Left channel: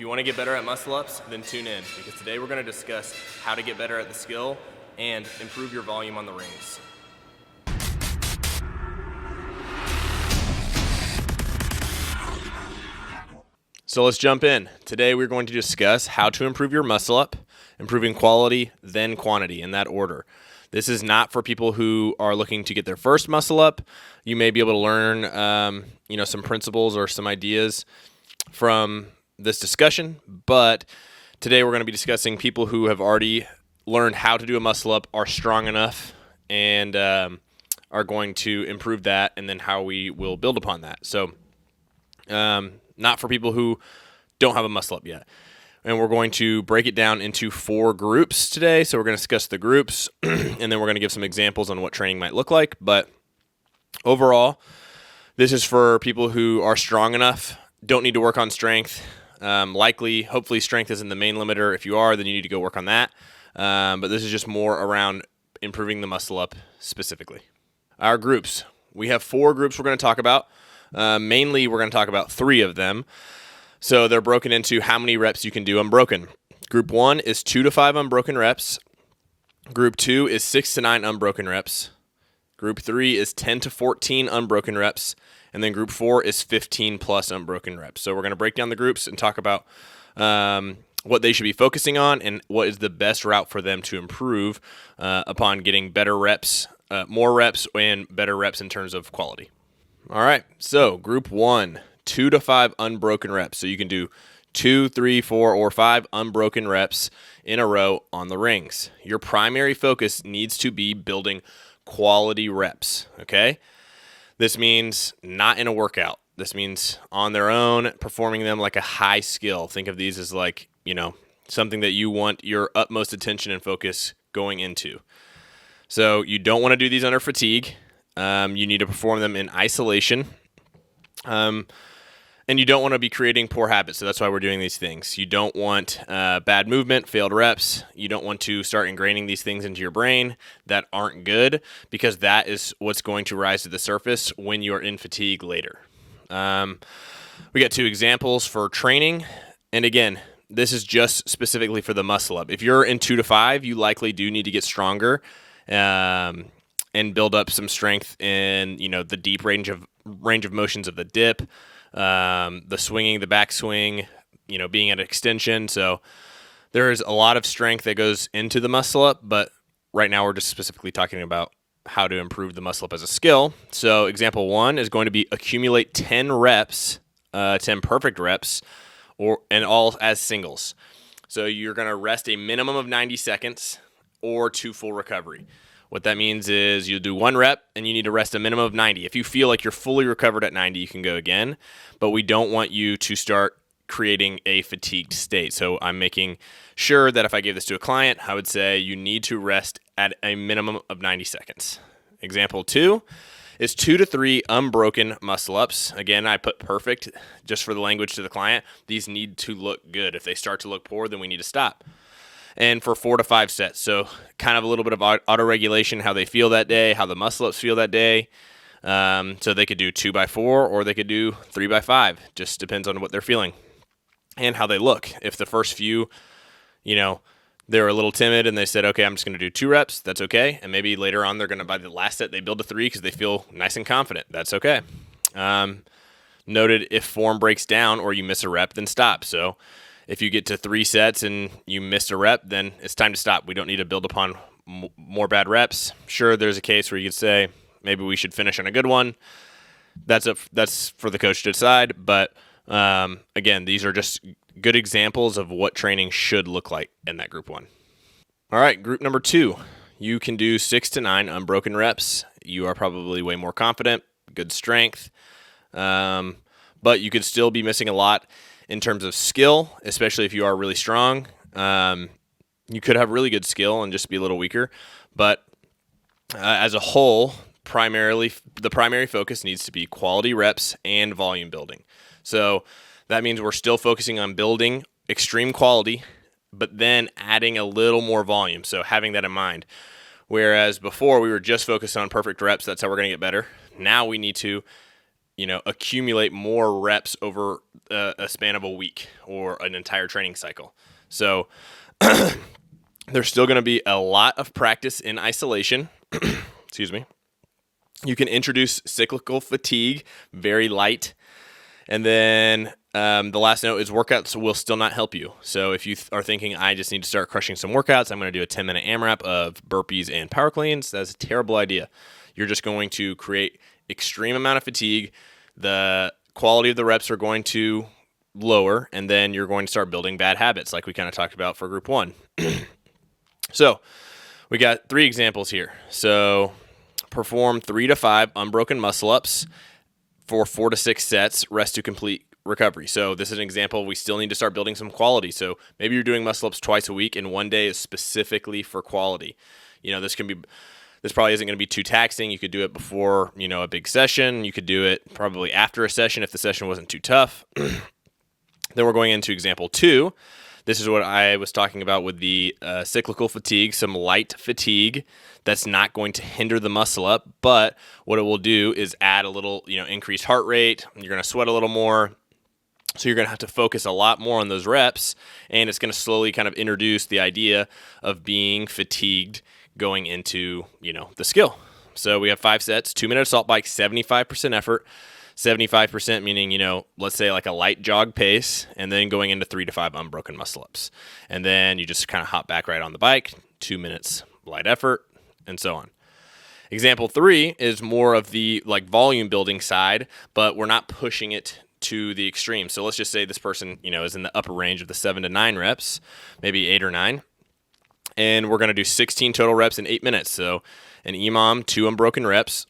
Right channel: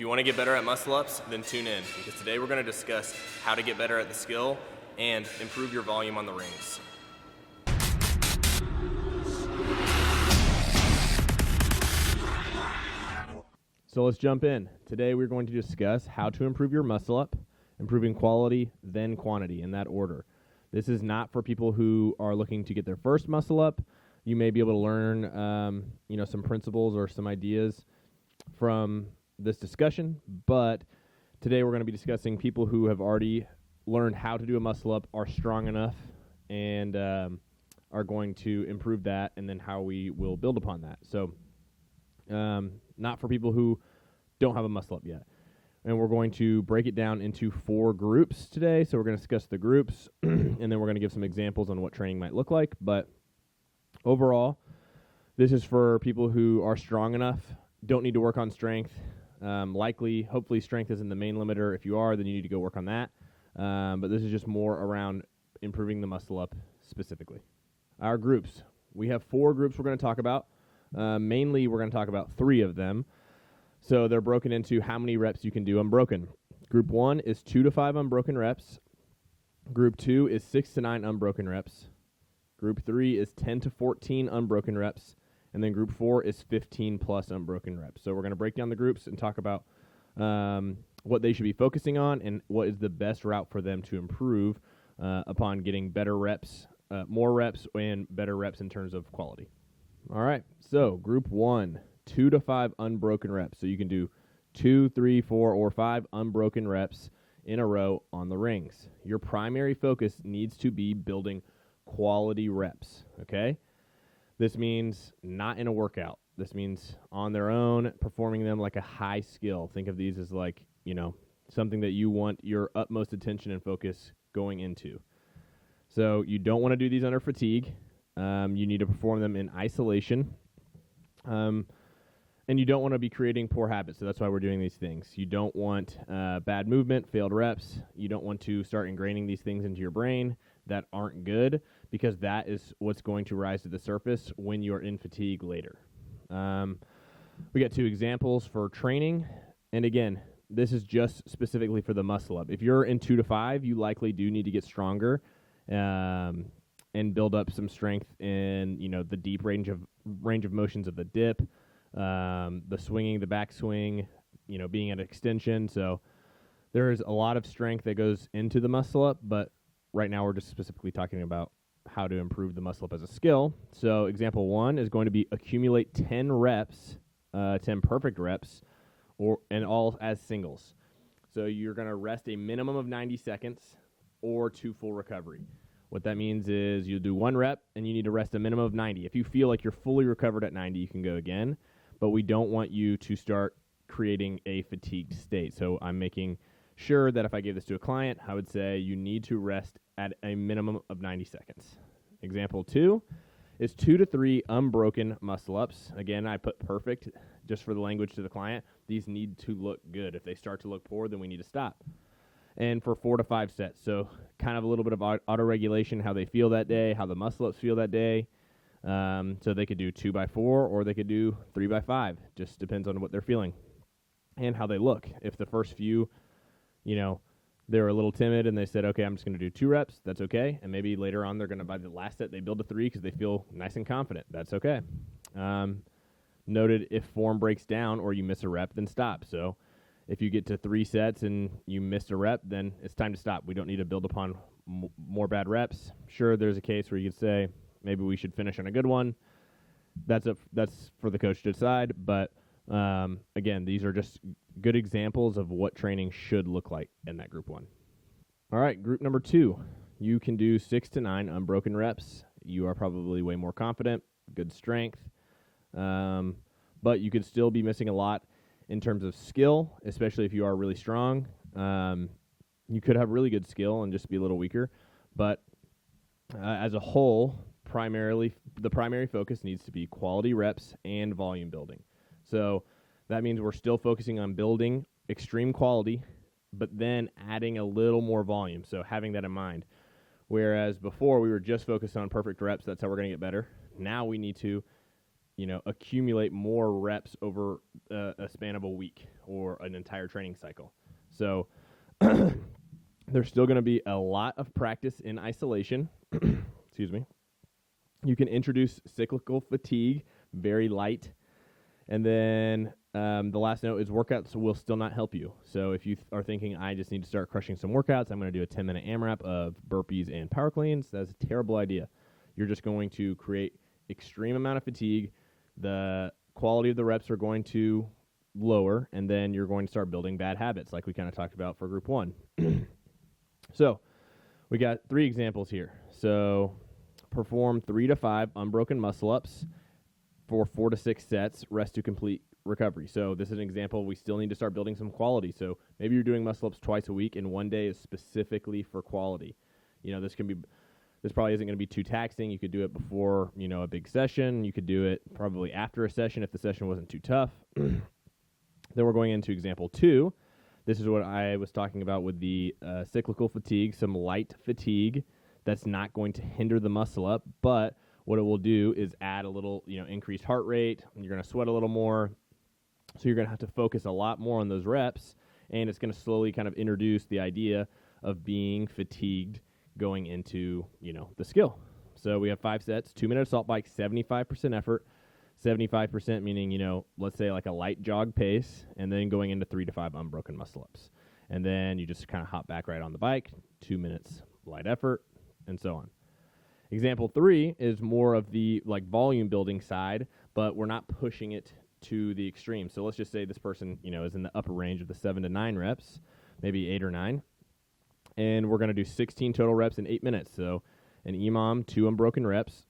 If you want to get better at muscle ups, then tune in, because today we're going to discuss how to get better at the skill and improve your volume on the rings. So let's jump in. Today we're going to discuss how to improve your muscle up, improving quality, then quantity, in that order. This is not for people who are looking to get their first muscle up. You may be able to learn, some principles or some ideas from this discussion, but today we're going to be discussing people who have already learned how to do a muscle up, are strong enough, and are going to improve that, and then how we will build upon that. So not for people who don't have a muscle up yet. And we're going to break it down into 4 groups today. So we're going to discuss the groups, and then we're going to give some examples on what training might look like. But overall, this is for people who are strong enough, don't need to work on strength. Hopefully strength isn't the main limiter. If you are, then you need to go work on that. But this is just more around improving the muscle up specifically. Our groups. We have 4 groups we're going to talk about. Mainly, we're going to talk about 3 of them. So they're broken into how many reps you can do unbroken. Group 1 is 2 to 5 unbroken reps. Group 2 is 6 to 9 unbroken reps. Group 3 is 10 to 14 unbroken reps. And then group 4 is 15 plus unbroken reps. So we're going to break down the groups and talk about what they should be focusing on and what is the best route for them to improve upon getting better reps, more reps, and better reps in terms of quality. All right, so group 1, 2 to 5 unbroken reps. So you can do 2, 3, 4, or 5 unbroken reps in a row on the rings. Your primary focus needs to be building quality reps, okay? This means not in a workout. This means on their own, performing them like a high skill. Think of these as like, something that you want your utmost attention and focus going into. So you don't want to do these under fatigue. You need to perform them in isolation. And you don't want to be creating poor habits. So that's why we're doing these things. You don't want bad movement, failed reps. You don't want to start ingraining these things into your brain that aren't good, because that is what's going to rise to the surface when you're in fatigue later. We got 2 examples for training. And again, this is just specifically for the muscle up. If you're in 2 to 5, you likely do need to get stronger and build up some strength in, the deep range of motions of the dip, the swinging, the backswing, being at extension. So there is a lot of strength that goes into the muscle up, but right now we're just specifically talking about how to improve the muscle up as a skill. So example 1 is going to be accumulate 10 reps, 10 perfect reps, and all as singles. So you're going to rest a minimum of 90 seconds or 2 full recovery. What that means is you'll do 1 rep and you need to rest a minimum of 90. If you feel like you're fully recovered at 90, you can go again, but we don't want you to start creating a fatigued state. So I'm making sure that if I gave this to a client, I would say you need to rest at a minimum of 90 seconds. Example 2 is 2 to 3 unbroken muscle ups. Again, I put perfect just for the language to the client. These need to look good. If they start to look poor, then we need to stop. And for 4 to 5 sets. So kind of a little bit of auto-regulation, how they feel that day, how the muscle-ups feel that day. So they could do 2 by 4 or they could do 3 by 5. Just depends on what they're feeling and how they look. If the first few, they're a little timid and they said, okay, I'm just going to do 2 reps, that's okay. And maybe later on they're going to, by the last set, they build to 3 because they feel nice and confident. That's okay. Noted, if form breaks down or you miss a rep, then stop. So if you get to 3 sets and you missed a rep, then it's time to stop. We don't need to build upon more bad reps. Sure, there's a case where you could say maybe we should finish on a good one. That's for the coach to decide. But again, these are just good examples of what training should look like in that group 1. All right, group number 2. You can do 6 to 9 unbroken reps. You are probably way more confident, good strength, but you could still be missing a lot in terms of skill, especially if you are really strong. You could have really good skill and just be a little weaker. But as a whole, the primary focus needs to be quality reps and volume building. So that means we're still focusing on building extreme quality, but then adding a little more volume. So having that in mind. Whereas before we were just focused on perfect reps, that's how we're going to get better. Now we need to accumulate more reps over a span of a week or an entire training cycle. So there's still going to be a lot of practice in isolation. Excuse me. You can introduce cyclical fatigue, very light. And then the last note is workouts will still not help you. So if you are thinking, I just need to start crushing some workouts, I'm going to do a 10-minute AMRAP of burpees and power cleans, that's a terrible idea. You're just going to create extreme amount of fatigue. The quality of the reps are going to lower, and then you're going to start building bad habits like we kind of talked about for group 1. So we got 3 examples here. So perform 3 to 5 unbroken muscle ups for 4 to 6 sets, rest to complete recovery. So this is an example. We still need to start building some quality. So maybe you're doing muscle ups twice a week and one day is specifically for quality. This probably isn't going to be too taxing. You could do it before, a big session. You could do it probably after a session if the session wasn't too tough. Then we're going into example 2. This is what I was talking about with the cyclical fatigue, some light fatigue that's not going to hinder the muscle up, but what it will do is add a little, increased heart rate. You're going to sweat a little more. So you're going to have to focus a lot more on those reps, and it's going to slowly kind of introduce the idea of being fatigued going into, the skill. So we have 5 sets, 2-minute assault bike, 75% effort, 75% meaning, let's say like a light jog pace, and then going into 3 to 5 unbroken muscle ups. And then you just kind of hop back right on the bike, 2 minutes light effort, and so on. Example 3 is more of the volume building side, but we're not pushing it to the extreme. So let's just say this person, is in the upper range of the 7 to 9 reps, maybe 8 or 9. And we're going to do 16 total reps in 8 minutes. So an EMOM, 2 unbroken reps.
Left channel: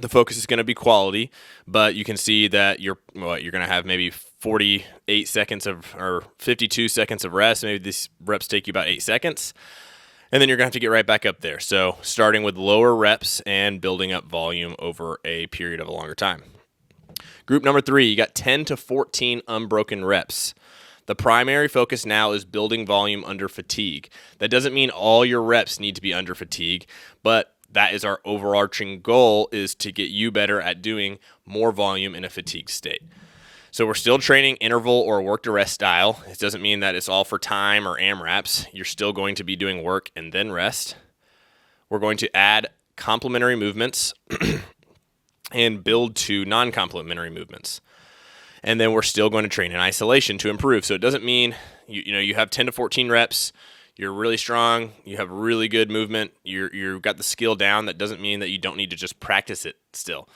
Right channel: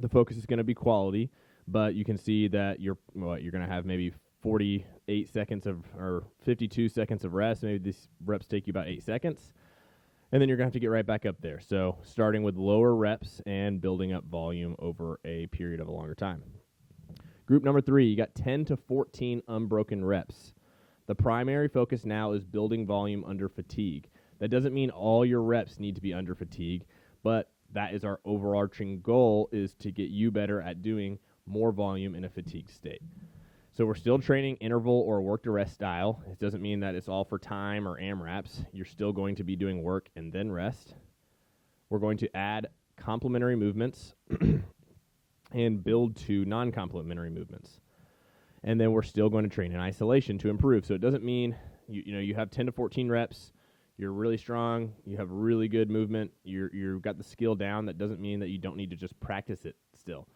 The focus is going to be quality, but you can see that you're going to have maybe 48 seconds or 52 seconds of rest. Maybe these reps take you about 8 seconds. And then you're going to have to get right back up there. So starting with lower reps and building up volume over a period of a longer time. Group number 3, you got 10 to 14 unbroken reps. The primary focus now is building volume under fatigue. That doesn't mean all your reps need to be under fatigue, but that is our overarching goal, is to get you better at doing more volume in a fatigued state. So we're still training interval or work to rest style. It doesn't mean that it's all for time or AMRAPs. You're still going to be doing work and then rest. We're going to add complementary movements and build to non-complementary movements. And then we're still going to train in isolation to improve. So it doesn't mean you have 10 to 14 reps, you're really strong, you have really good movement, you've got the skill down. That doesn't mean that you don't need to just practice it still.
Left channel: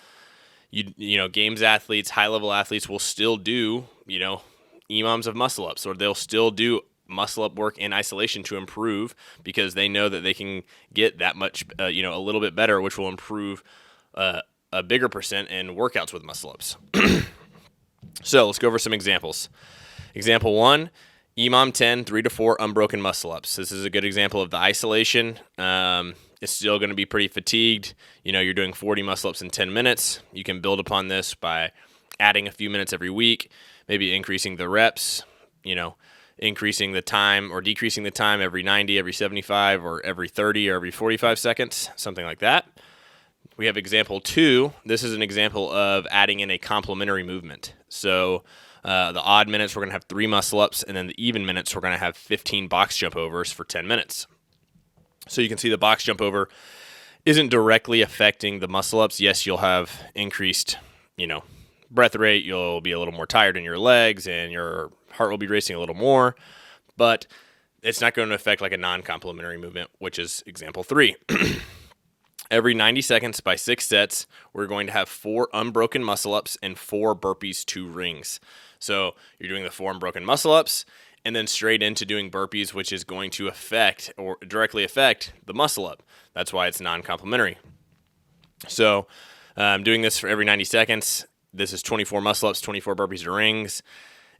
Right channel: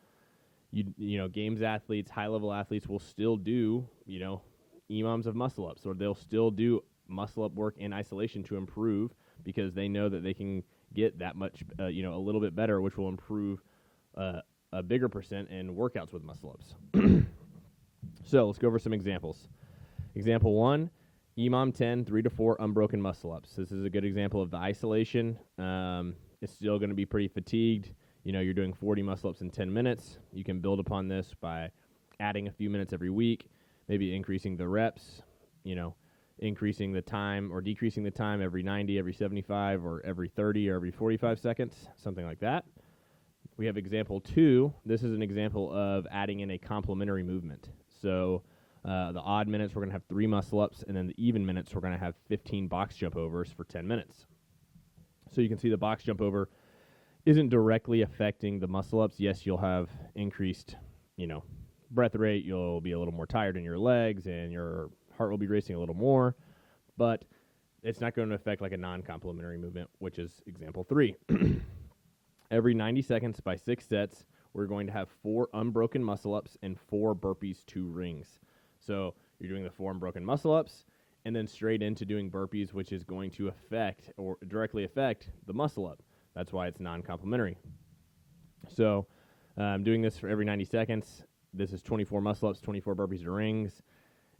Games athletes, high-level athletes will still do, EMOMs of muscle ups, or they'll still do muscle up work in isolation to improve because they know that they can get that much, a little bit better, which will improve a bigger percent in workouts with muscle ups. So let's go over some examples. Example 1, EMOM 10, 3 to 4 unbroken muscle ups. This is a good example of the isolation. It's still going to be pretty fatigued. You're doing 40 muscle ups in 10 minutes. You can build upon this by adding a few minutes every week, maybe increasing the reps, increasing the time or decreasing the time every 90, every 75, or every 30 or every 45 seconds, something like that. We have example 2. This is an example of adding in a complementary movement. So the odd minutes, we're going to have 3 muscle-ups, and then the even minutes, we're going to have 15 box jump overs for 10 minutes. So you can see the box jump over isn't directly affecting the muscle-ups. Yes, you'll have increased, breath rate. You'll be a little more tired in your legs, and your heart will be racing a little more. But it's not going to affect like a non-complementary movement, which is example 3. Every 90 seconds by 6 sets, we're going to have 4 unbroken muscle-ups and 4 burpees to rings. So you're doing the 4 unbroken muscle-ups and then straight into doing burpees, which is going to affect or directly affect the muscle-up. That's why it's non-complementary. So I'm doing this for every 90 seconds. This is 24 muscle-ups, 24 burpees to rings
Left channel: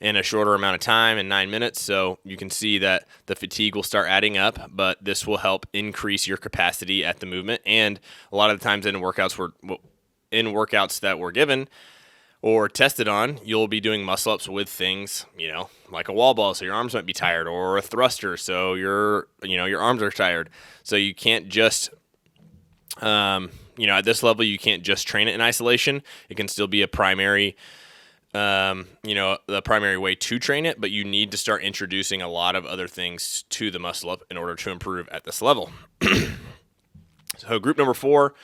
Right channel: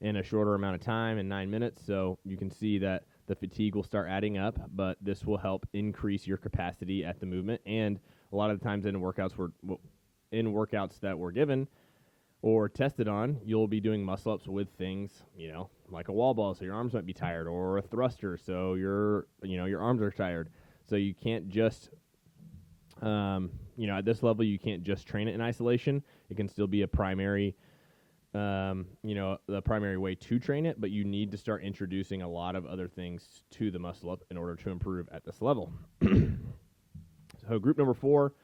in a shorter amount of time, in 9 minutes. So you can see that the fatigue will start adding up, but this will help increase your capacity at the movement. And a lot of the times in workouts that we're given or tested on, you'll be doing muscle-ups with things, like a wall ball, so your arms might be tired, or a thruster, so your arms are tired. So you can't just at this level, you can't just train it in isolation. It can still be a primary, the primary way to train it, but you need to start introducing a lot of other things to the muscle up in order to improve at this level. So group number 4,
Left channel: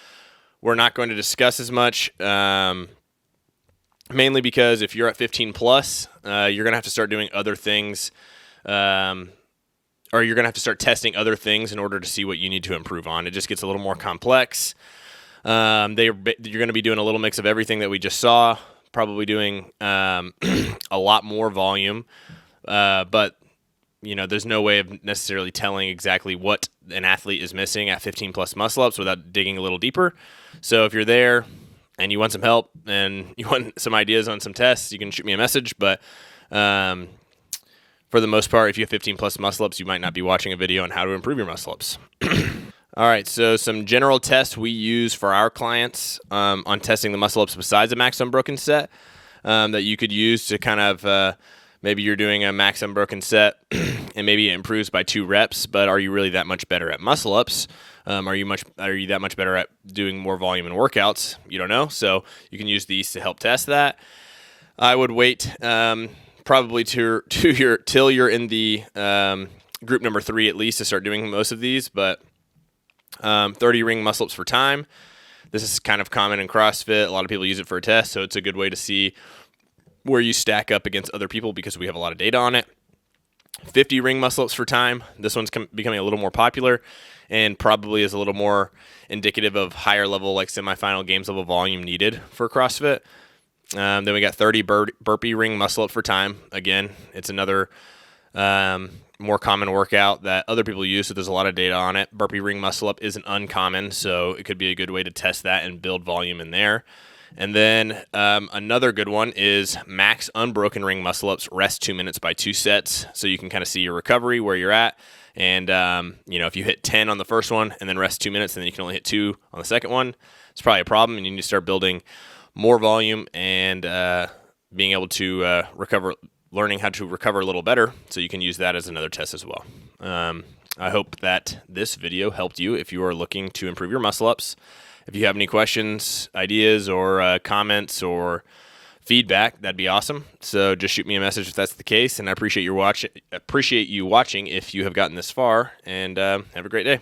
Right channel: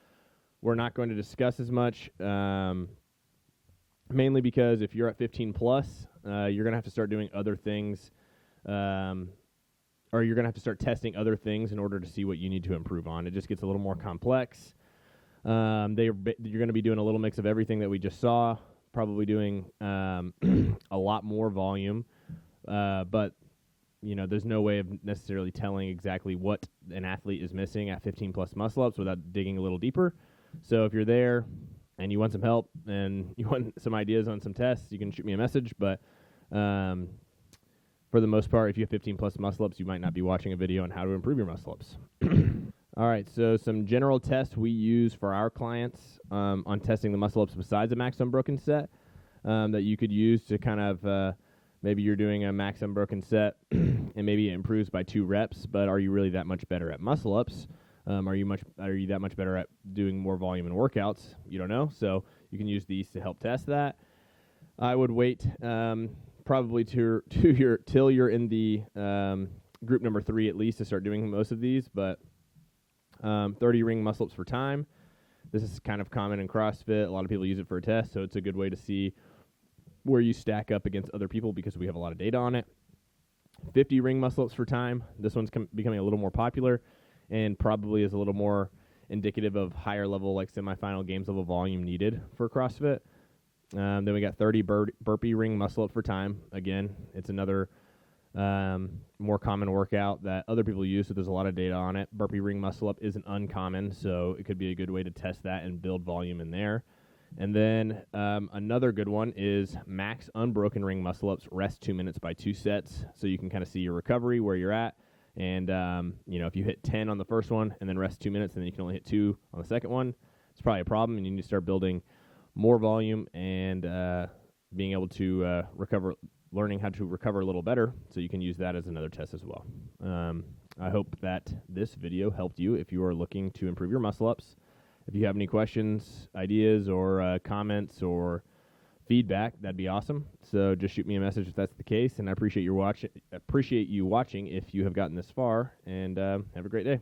we're not going to discuss as much, mainly because if you're at 15 plus, you're going to have to start doing other things, or you're going to have to start testing other things in order to see what you need to improve on. It just gets a little more complex. You're going to be doing a little mix of everything that we just saw, probably doing a lot more volume, but there's no way of necessarily telling exactly what an athlete is missing at 15 plus muscle ups without digging a little deeper. So if you're there and you want some help and you want some ideas on some tests, you can shoot me a message. But for the most part, if you have 15 plus muscle ups, you might not be watching a video on how to improve your muscle ups. All right, so some general tests we use for our clients on testing the muscle ups besides a max unbroken set that you could use to kind of maybe you're doing a max unbroken set and maybe it improves by 2 reps, but are you really that much better at muscle ups? Are you that much better at doing more volume in workouts? You don't know, so you can use these to help test that. I would wait probably till you're in the group number 3 at least to start doing most of these, but 30 ring muscle ups for time. This is kind of common in CrossFit. A lot of people use it for a test, so it's a good way to see where you stack up against other people because we have a lot of data on it. 50 ring muscle ups for time. This one's becoming a little more popular and probably is a little more indicative of higher level, like semifinal games level volume needed for CrossFit. Then we got 30 burpee ring muscle up for time. Again, it's another more common workout that other people use, so there's a lot of data on it. Burpee ring muscle up isn't uncommon, so it could be a good way to test that and build volume in there. And then another good one is max unbroken ring muscle ups, rest 2 minutes by 2 sets, so you can kind of see your recovery, where you're at. And, if you hit 10 on the first one and then rest 2 minutes, and then you can only hit 2 on the second one, it's probably a problem, and you need to start building more volume and being able to learning how to recover a little better, so you can use that as another test as well. I hope that this video helped you if you are looking to improve your muscle ups. If you have any questions, ideas, or comments, or feedback, that'd be awesome. So just shoot me a message if that's the case, and I appreciate you watching if you have gotten this far, and have a great day.